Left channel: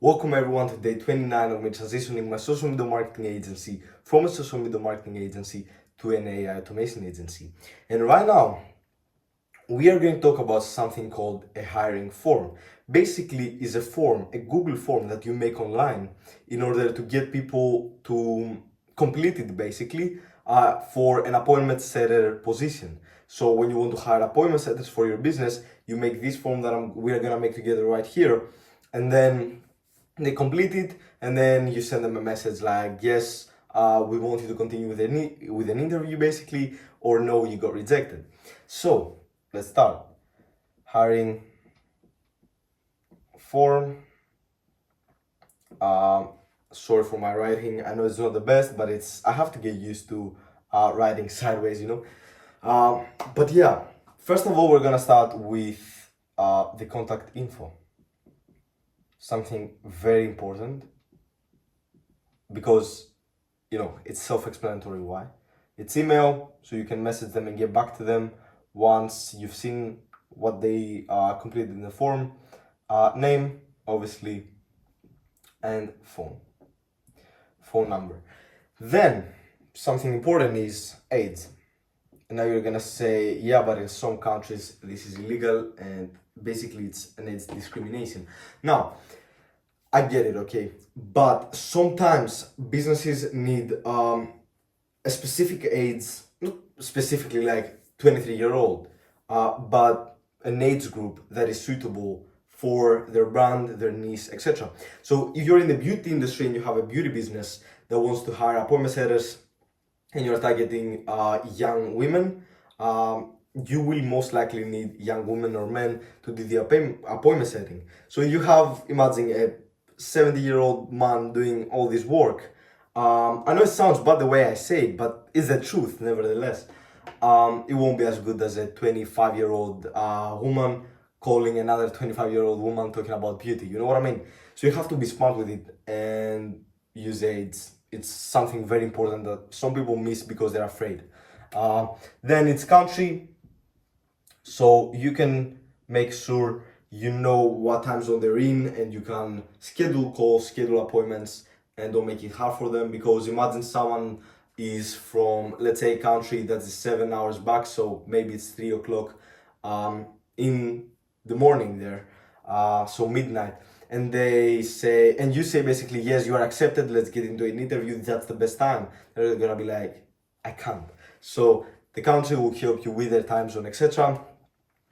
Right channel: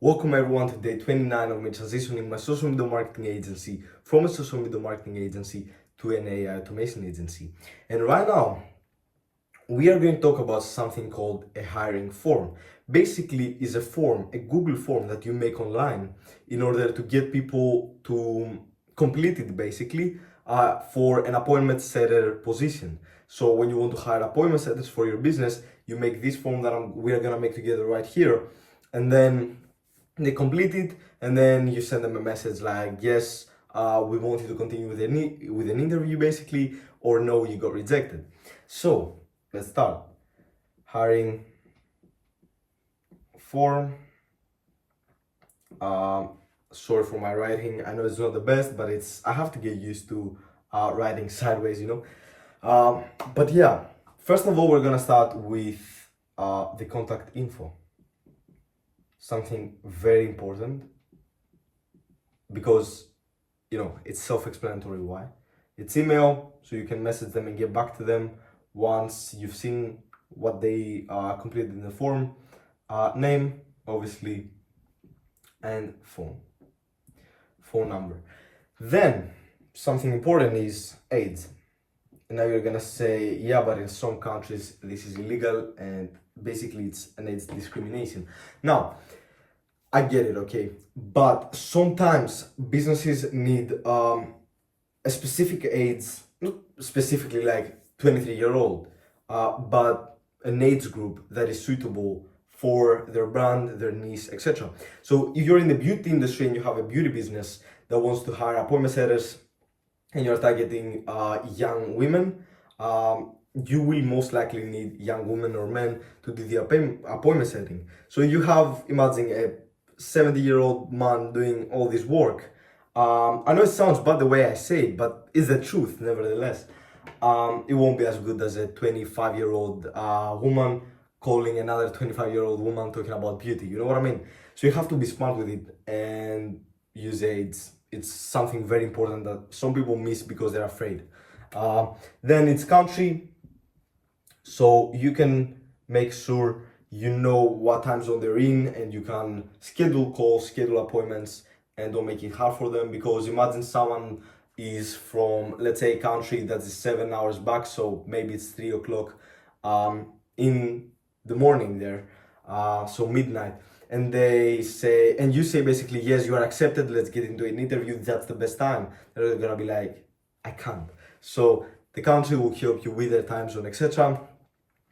Welcome everyone to day 29 of me transitioning my social media marketing agency from a social media marketing agency to an AI automation agency. And right now, we are going to talk about something called a hiring form. Basically, is a form, a Google form that you make online in order to get people to complete it basically for an appointment setter position. So when you want to hire appointment setters for your business, you make this form that we are gonna make together right here, and then they complete it, and then you send them a message like, yes, we want you to continue with an interview basically, or no, you got rejected. So let's start. Hiring form. Sorry for my writing, I know it's not the best, but I have to get used to writing sideways, but yeah, first of all, we're gonna start with the contact info. Something very important, because it's self-explanatory why. It's email, so you can message them and get back to them once you've seen what they completed in the form. Name, obviously, and phone number. Then something important is AIDS. Now you're gonna say, yeah, but in some countries this is illegal, and basically it's an AIDS discrimination. Now, I get it, okay, but sometimes businesses need a specific AIDS, not specifically like 23-year-old, but an age group that is suitable for their brand, their niche, etc. So if you're in the beauty industry and you have a beauty business that wants to hire appointment setters, and you're targeting young women, you will most likely need young women or men to do the appointment setting. So you have, imagine a 70-year-old man doing all this work. I know it sounds bad the way I say it, but it's the truth nevertheless. It won't be as good as a 25-year-old woman calling another 25-year-old woman talking about beauty, you know what I mean? So you have to be smart with it and use AIDS. It's something very important that some people miss because they're afraid. Then it's country, so you can make sure you know what time zone they're in, and you can schedule calls, schedule appointments, and don't make it hard for them. Because imagine someone is from, let's say, a country that is 7 hours back, so maybe it's 3 o'clock in the morning there, so midnight, and they say, and you say basically, yes, you are accepted, let's get into an interview, that's the best time. They're gonna be like, I can't. So the country will help you with their time zone, etc.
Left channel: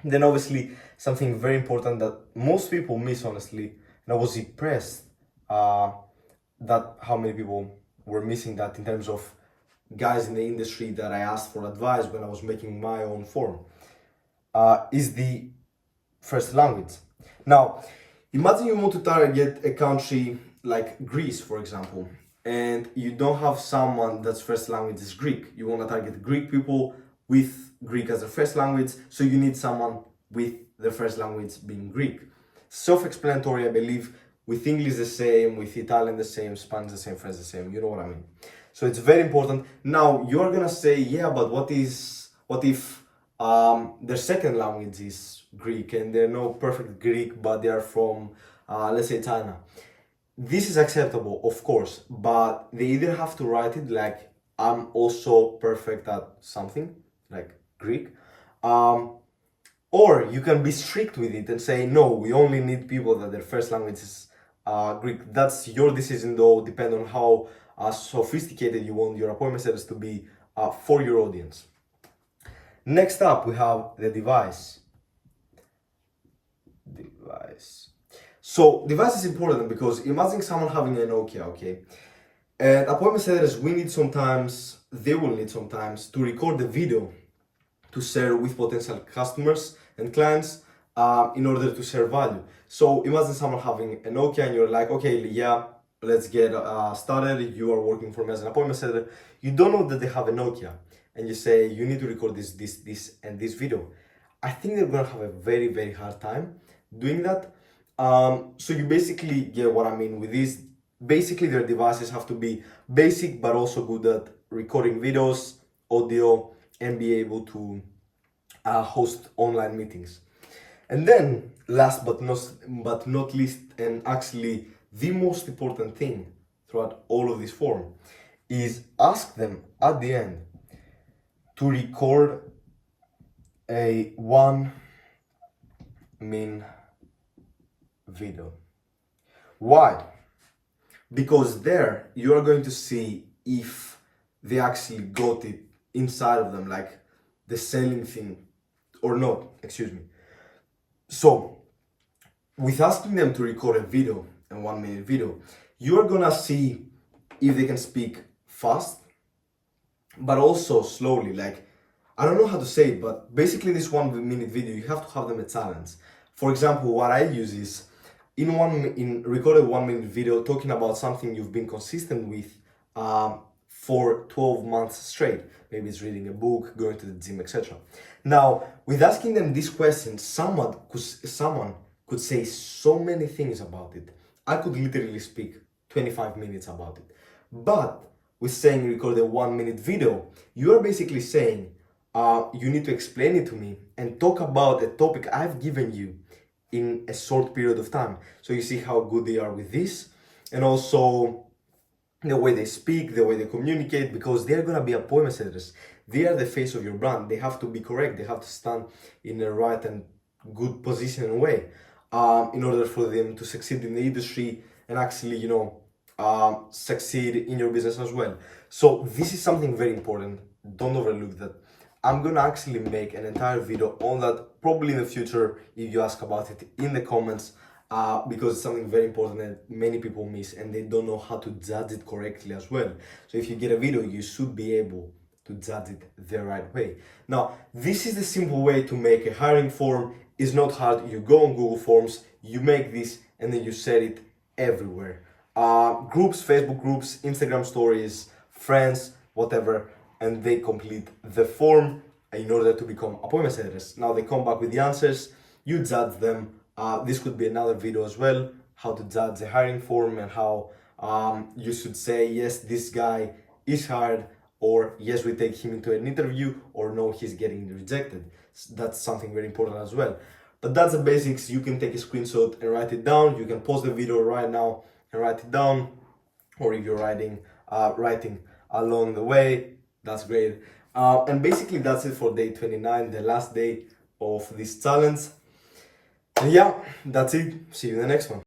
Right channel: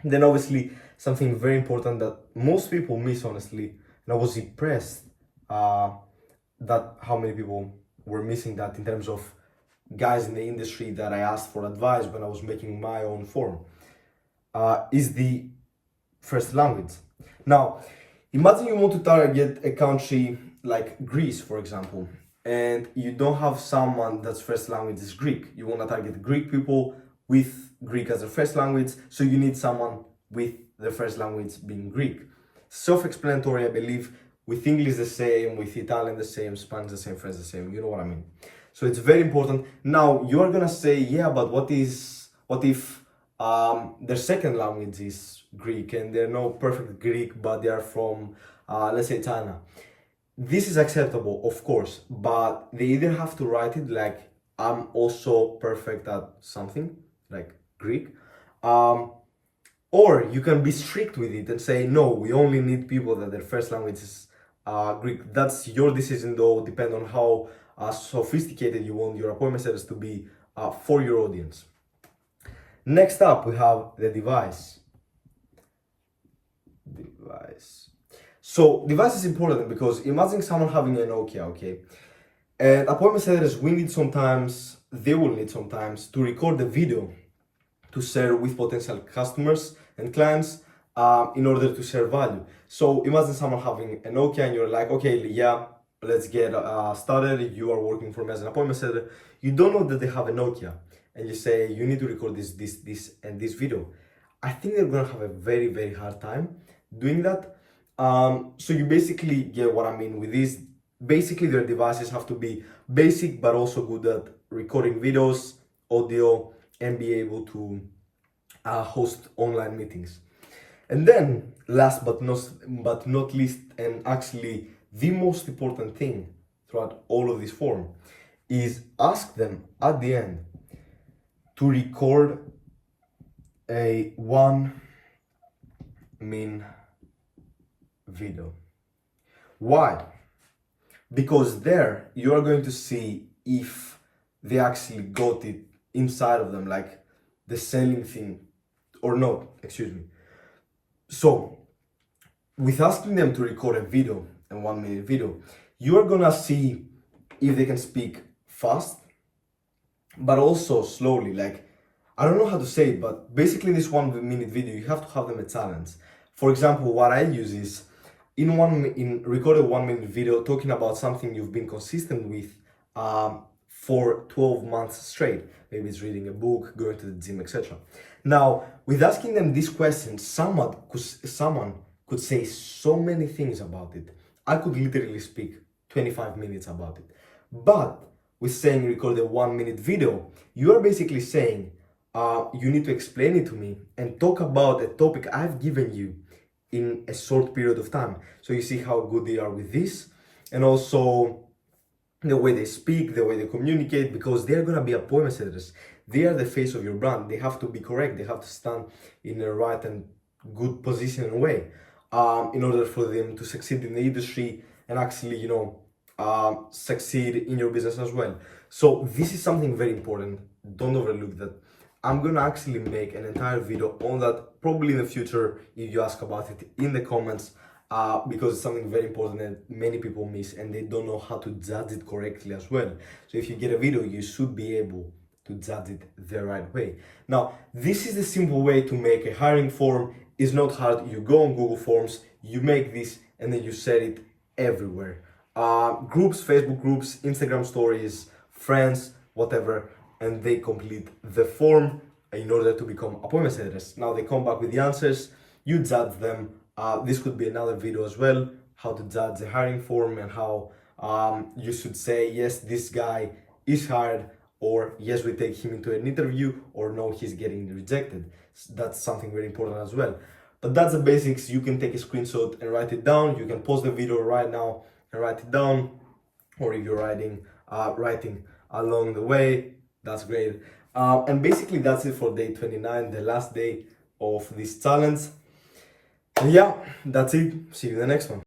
Then obviously something very important that most people miss, honestly, and I was impressed that how many people were missing that in terms of guys in the industry that I asked for advice when I was making my own form, is the first language. Now, imagine you want to target a country like Greece, for example, and you don't have someone that's first language is Greek. You want to target Greek people with Greek as their first language, so you need someone with their first language being Greek. Self-explanatory, I believe. With English the same, with Italian the same, Spanish the same, French the same, you know what I mean? So it's very important. Now, you're gonna say, yeah, but what if their second language is Greek and they're no perfect Greek, but they are from, let's say, China? This is acceptable, of course, but they either have to write it like, I'm also perfect at something, like Greek, or you can be strict with it and say, no, we only need people that their first language is Greek. That's your decision, though, depend on how sophisticated you want your appointment setters to be for your audience. Next up, we have the device. So device is important because imagine someone having a Nokia, okay? And appointment setters, they will need sometimes to record the video to share with potential customers and clients in order to share value. So imagine someone having a Nokia and you're like, okay, yeah, let's get started. You are working for me as an appointment setter. You don't know that they have a Nokia, and you say, you need to record this, and this video. I think they're gonna have a very, very hard time doing that. So you basically get what I mean with this. Basically, their devices have to be basic, but also good at recording videos, audio, and be able to host online meetings. And then, last but not least, and actually the most important thing throughout all of this form is ask them at the end to record a 1-minute video. Why? Because there you are going to see if they actually got it inside of them, like the selling thing or not, excuse me. So with asking them to record a video, a 1-minute video, you are gonna see if they can speak fast, but also slowly. Like, I don't know how to say it, but basically in this 1-minute video, you have to have them a challenge. For example, what I use is record a 1-minute video talking about something you've been consistent with for 12 months straight. Maybe it's reading a book, going to the gym, etc. Now, with asking them this question, someone could say so many things about it. I could literally speak 25 minutes about it. But with saying record a 1-minute video, you are basically saying you need to explain it to me and talk about a topic I've given you in a short period of time. So you see how good they are with this, and also the way they speak, the way they communicate, because they're gonna be appointment setters. They are the face of your brand. They have to be correct. They have to stand in the right and good position and way in order for them to succeed in the industry and actually, succeed in your business as well. So this is something very important. Don't overlook that. I'm gonna actually make an entire video on that probably in the future if you ask about it in the comments, because it's something very important that many people miss and they don't know how to judge it correctly as well. So if you get a video, you should be able to judge it the right way. Now, this is the simple way to make a hiring form. It's not hard. You go on Google Forms, you make this, and then you set it everywhere. Groups, Facebook groups, Instagram stories, friends, whatever, and they complete the form in order to become appointment setters. Now they come back with the answers, you judge them. This could be another video as well, how to judge a hiring form and how you should say, yes, this guy is hired, or yes, we take him into an interview, or no, he's getting rejected. That's something very important as well. But that's the basics. You can take a screenshot and write it down. You can pause the video right now and write it down, or if you're writing along the way, that's great. And basically that's it for day 29, the last day of this challenge. And yeah, that's it. See you in the next one.